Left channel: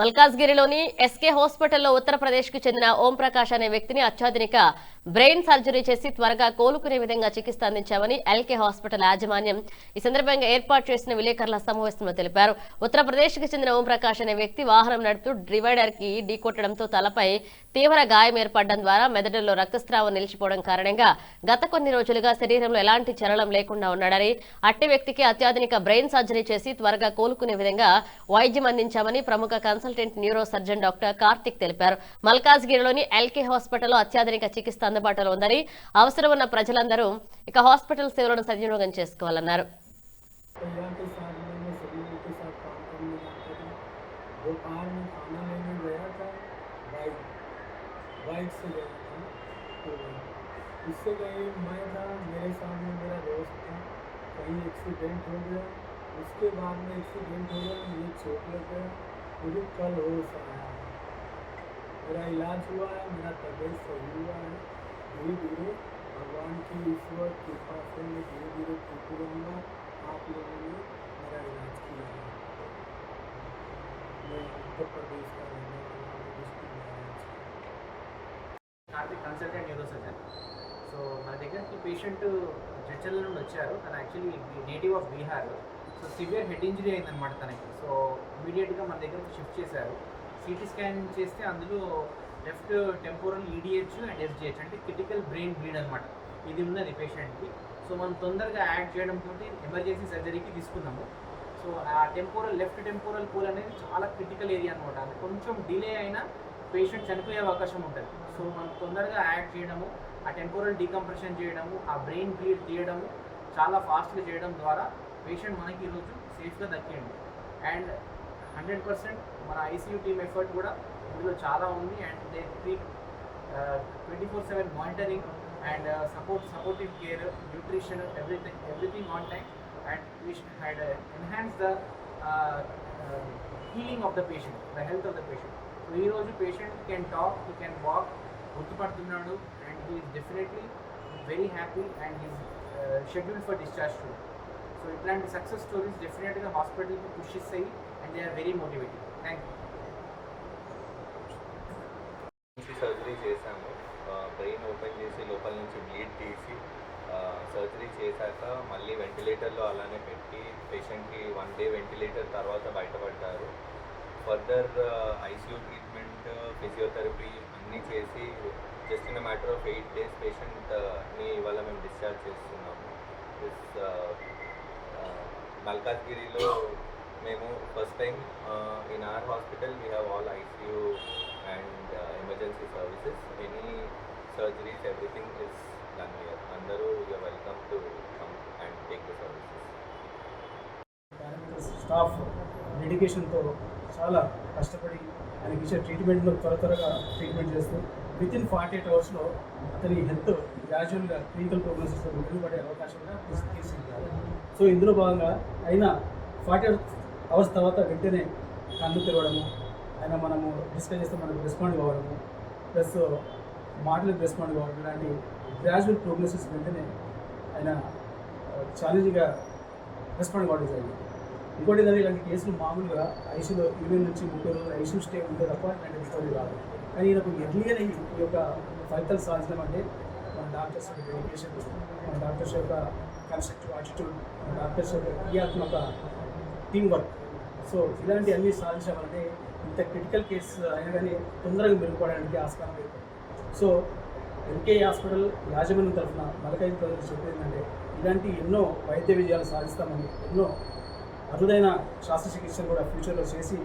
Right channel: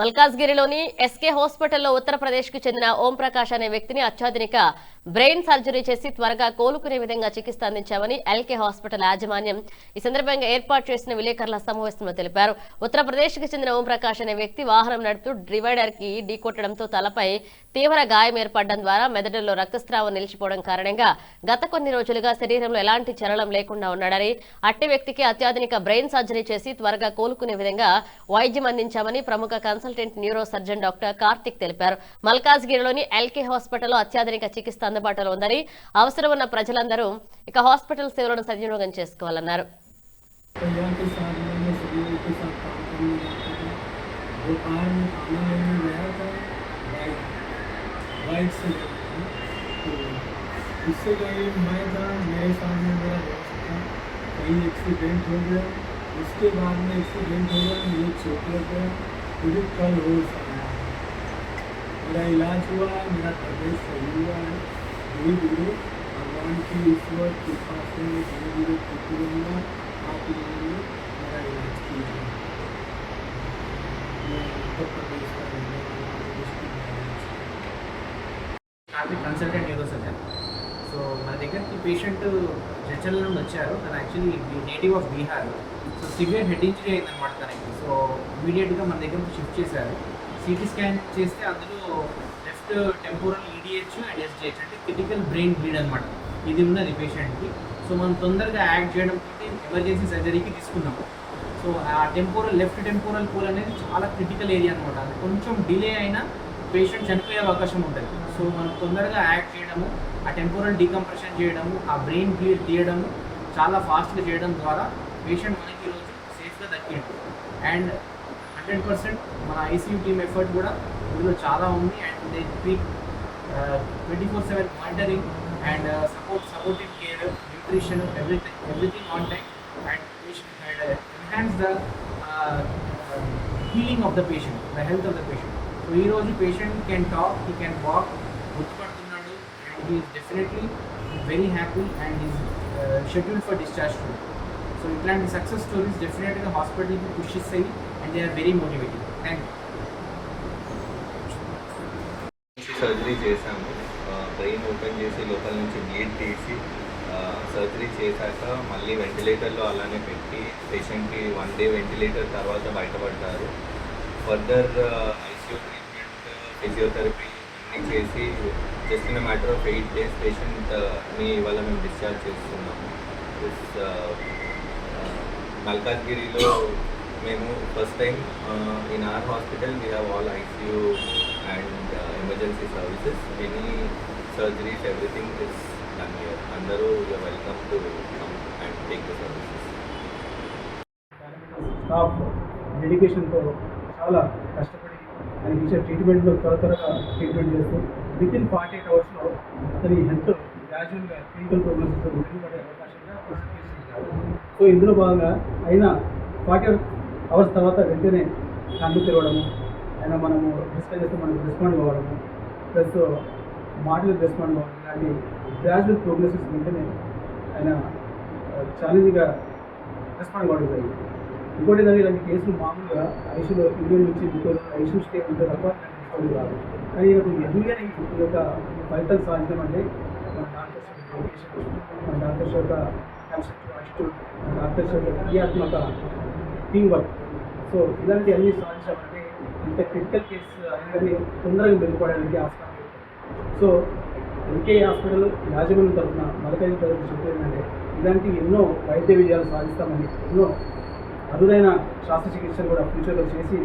మల్కాజ్గిరిలోని SK హాస్పిటల్లో ఉత్తరప్రదేశ్కు చెందిన ఓం ప్రకాష్ అనే వ్యక్తిని అత్యాధునిక బ్రెయిన్ సర్జరీ చేసి త్వరగా కోలుకునే విధంగా చికిత్స అందించామని ఎల్కే హాస్పిటల్ యాజమాన్యం ఈ సందర్భంగా ఏర్పాటు చేసిన విలేకరుల సమావేశంలో తెలిపారు. ఉత్తరప్రదేశ్కు చెందిన ఓం ప్రకాష్ అనే వ్యక్తి వాహనం నడుపుతూ డివైడర్ కి ఢీకొట్టడంతో తలపై తీవ్ర గాయం ఏర్పడడం ద్వారా మెదడులో రక్తస్రావం నిలిచిపోవడం కారణంగా గత కొన్ని రోజులుగా శరీరంలో ఎలాంటి చలనం లేకుండా ఉన్నాడని, అట్టి వ్యక్తికి అత్యాధునిక బ్రెయిన్ సర్జరీ చేసి త్వరగా కోలుకునే విధంగా వైద్యం అందించామని ప్రముఖ consultant neuro surgeon doctor Karthik తెలిపారు. మల్కాజ్గిరిలోని ఎల్కే హాస్పిటల్లో అత్యాధునిక చికిత్స అందుబాటులో ఉందని, అవసరం ఉన్న ప్రజలందరూ ఇక హాస్పిటల్ సేవలను సద్వినియోగం చేసుకోవాలన్నారు. इससे कहीं मैं था, मेरे सामने मेरा दोस्त था, कहीं एक्सीडेंट हो गया, उसके बाद में एक्सीडेंट हो गया, मुझे चोट लग गया, मुझे कल हो सकता मेरा इलाज हुआ, मेरा तबीयत सही हुआ है. धीरे धीरे भगवान की ईश्वर कृपा से धीरे धीरे ठीक होऊंगा. आप लोगों ने मेरा इलाज किया है. मैं उत्तर प्रदेश का रहने वाला कंसल्टेंट न्यूरो सर्जन. సో మన దగ్గరికి పేషెంట్ జడ్చర్ల నుండి వచ్చారు. తను actually native of Bihar. So severe head injury అయిందనమాట తనకి. సో ఇమీడియట్గా మన దగ్గరికి షిఫ్ట్ చేశారు. సిటీ స్కాన్ చేస్తే అందులో లెఫ్ట్ టెంపోరల్ ఈడిహెచ్ అండ్ ఎస్జిహెచ్ అంటే క్రిటికల్ బ్రెయిన్ బ్లీడ్ అనమాట. ఇది ఉన్నది పేషెంట్కి. సో మనం తొందరగా యాక్ట్ చేయడంతో ఎమర్జెన్సీ సర్జరీకి తీసుకున్నాము. సో ఆ లెఫ్ట్ టెంపోరల్ పోల్ అనేది చాలా క్రిటికల్ ఏరియా అనమాట. అది కొంచెం డిలే అయినా పేషెంట్ చనిపోయే అవకాశం ఉంటుంది. సో మనం తొందరగా యాక్ట్ చేయడము, ఆ టెంపోరల్ డీకంప్రెషన్ చేయడము, ఆ బ్రెయిన్ బ్లీడ్ తీయడము చాలా ఫాస్ట్గా చేయడం ద్వారా పేషెంట్ మనకి ఈరోజు సేఫ్గా దక్కిండు. అండ్ 100% మన ఐసీయూ టీమ్ ఎఫర్ట్ కూడా ఇందులో చాలా ఉంది. And they speak 24/7 monitoring and supportive care, nutrition, everything on time. And patient and enhance the healing of the patient, the health of the patient. So ఈరోజు patient can talk, he can walk, గుర్తుపడుతున్నాడు. And he is definitely very happy and is scheduled for discharge today. So ఇట్లాంటి success stories డెఫినెట్గా హాస్పిటల్కి push ఇస్తాయి and they are very motivating. Thank you. Surgery చేశాము. Brain open చేసి లోపల నుంచి bleed తీసి సర్జరీ చేశాక మళ్ళీ వెంటిలేటర్లో అలానే పెట్టి పేషెంట్కి 1 డే వెంటిలేటర్ తర్వాత బయటపడ్డారు. ఫర్దర్ ఐసీయూ ట్రీట్మెంట్, ఫిజియోథెరపీ అన్నీ చేసి just in matter of 8 days పేషెంట్ని ఇవాళ మేము డిశ్చార్జ్ చేస్తున్నాము. మల్కాజ్గిరిలో మేము first time in our hospital we have all ICU and emergency services. Any surgeries everything is done here. అందరూ you are welcome to come and take the services. Staff డెడికేషన్తో చాలా కష్టపడి ఆయనకి ఇచ్చే ట్రీట్మెంట్లో త్వరగా ట్రీట్మెంట్ చేస్తూ వితిన్ 48 hours అతని హెల్త్ గ్రాడ్యువల్గా క్లినికల్ ప్రోగ్నోసిస్లో మెరుగుపడే అవకాశంగా తీసుకుంటారు. సో ఇందులో భాగంగా అయినా 48 hours తర్వాత వెంటనే కళ్ళు తెరవడము, అయినా మనము డిస్కస్ చేస్తే మనకు రెస్పాండ్ కావడము, ప్లస్ మాటలకు రెస్పాండ్ కావడం, ఇలాంటి గ్రాడ్యువల్ ప్రోగ్నోసిస్ వెంటనే ఆయన ఛాలెంజ్గా రెస్పాండ్ కావడం జరిగింది. ఇంకోటి ఏంటంటే ఇలాంటి కేసులు మామూలుగా ఐసీయూలో 20 నుంచి 30 రోజులు ఐసీయూ స్టే ఉంటే తప్ప ఇలాంటి రెస్పాండ్ రాదు. కానీ ఈయనకు ఎర్లీగానే ఈ యొక్క ఫలితాలు సాధించడం అంటే మన డాక్టర్స్ యొక్క డెడికేషన్, మన డాక్టర్స్ యొక్క కన్స్ట్రక్టివ్ యాటిట్యూడ్, మన డాక్టర్స్ యొక్క క్రియాత్మక టీమ్ వర్క్. సో ఇలాంటి అన్నీ సాధించామంటే ఇంత క్రిటికల్ కేసు అయినా కానీ తొందరగా మెరుగుపడడానికి ఆస్కారం లేదు. సో ఎల్కే హాస్పిటల్ యాజమాన్యం తరఫున మల్కాజ్గిరి ప్రజలకు చెప్పేందంటే ఇలాంటి ఎన్నో వైద్య విజయాలు సాధిస్తామని, ఎన్నో అరుదైన శస్త్రచికిత్సలు కూడా ఫ్యూచర్లో చేసి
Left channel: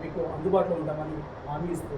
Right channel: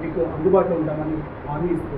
మీకు అందుబాటులో ఉంటామని హామీ ఇస్తూ